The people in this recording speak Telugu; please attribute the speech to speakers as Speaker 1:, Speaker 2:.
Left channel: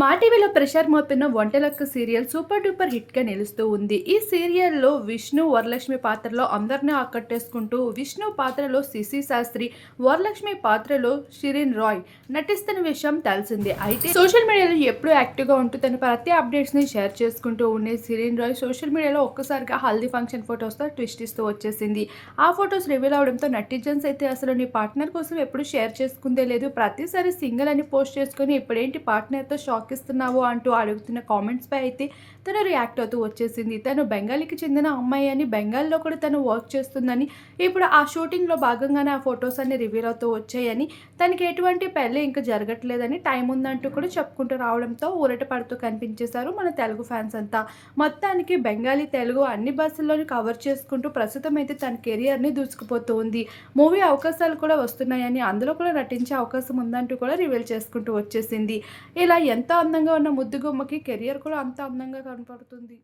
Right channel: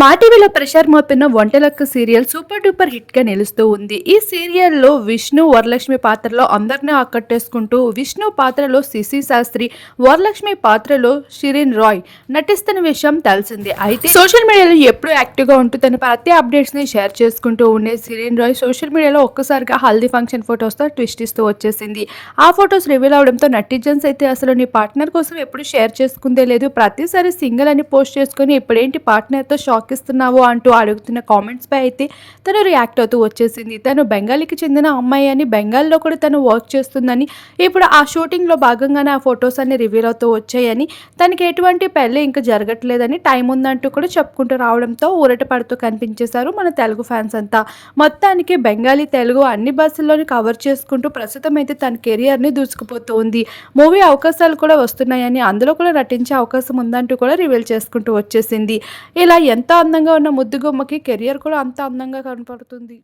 Speaker 1: మా టీవీలో ప్రసార్ మోపిన వంటలక్క సీరియల్ సూపర్ డూపర్ హిట్గా నిలుస్తూ ఉంది. ఈ సీరియల్లో విష్ణు వరలక్ష్మి పాత్రలో అందరినీ ఆకట్టేసుకుంటూ విష్ణు పాత్రలో శిశి శాస్త్రి వరలక్ష్మి పాత్రలో షిరిన్ రాయ్ నటిస్తున్న విషయం తెలిసింది. అయితే సోషల్ మీడియాలో ఎప్పుడు యాక్టివ్గా ఉంటూ తన ప్రతి అప్డేట్స్ని షేర్ చేసుకుంటూ ఉండే షిరిన్ రాయ్ సోషల్ మీడియాలో ఒక్కసారిగా హల్దీ ఫంక్షన్ ఫొటోస్తో ట్విస్ట్ ఇస్తూ వచ్చేసింది. ఆ ఫొటోస్ రివీల్ అవడంతో నటిజన్స్ అయితే అసలు నీ పార్ట్నర్ కోసం ఎప్పుడు షేర్ చేసుకుందే లేదు. ప్రతిసారి సింగిల్ అని పోస్ట్ చేసుకొని ఇప్పుడేంటి పార్ట్నర్తో షాక్ ఇస్తున్నావు అంటూ అడుగుతున్న కామెంట్స్ పై అయితే తను రియాక్ట్ అవుతూ వచ్చేసింది. తను బెంగాలీకి చెందిన అమ్మాయి అని బెంగాల్లో కూడా తను వర్క్ చేస్తుందని ఇప్పుడు ఆ షూటింగ్లో భాగంగానే ఆ ఫొటోస్ అన్ని రివీల్ అవుతూ వచ్చాయని తనకి ఎటువంటి పెళ్ళి ఇంకా జరగట్లేదని టైం ఉందంటూ కూడా చెప్పుకుంటూ రావడంతో ఊరట పడుతూ కనిపించేశారు మన తెలుగు ఫ్యాన్స్ అంతా. మొత్తానికి బెంగాలీ తెలుగు అన్ని భాషల్లోని కవర్ చేసుకుంటూ ప్రస్తుతం అయితే తన కెరియర్ని దూసుకుపోతుంది. మూవీ అవకాశాలు కూడా వస్తున్నాయని అందులో కూడా నటించే అవకాశం ఉందంటూ కూడా రివీల్ చేసుకుంటూ వచ్చేసింది. ఇలా ఎంత అందంగా ఉన్న ముద్దుగుమ్మకి కెరియర్ కూడా అంత అందంగా కనపడుతుంది.